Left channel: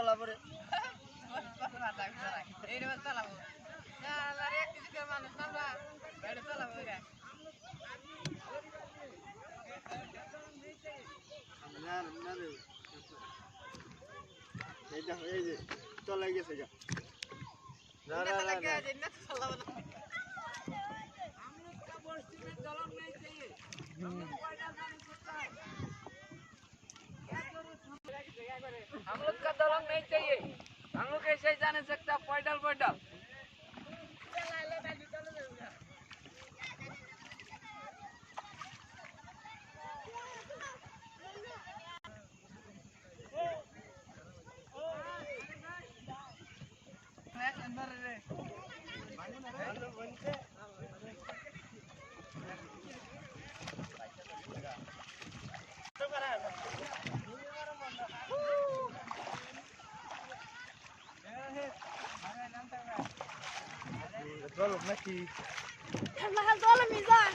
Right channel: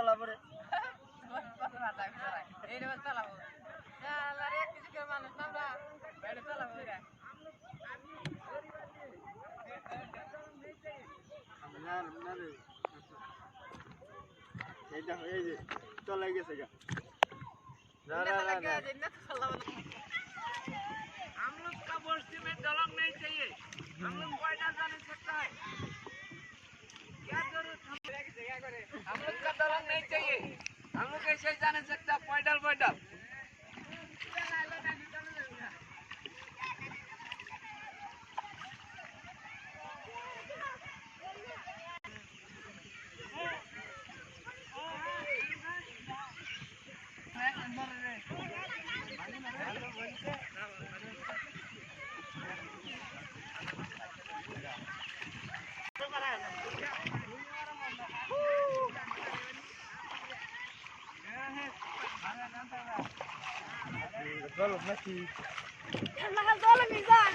চলা পরে এই দেখো এই যে চলাই গেছে গা हम लोग का बस्ती में दलंग नहीं चाहिए हम लोग पैदल जाने सकता है क्या जरूरत हम लोग का दलंग नहीं चाहिए हम लोग ऐसे ही जाने सकता पैदल पैदल চলো নাকি Mahal dollar minsan.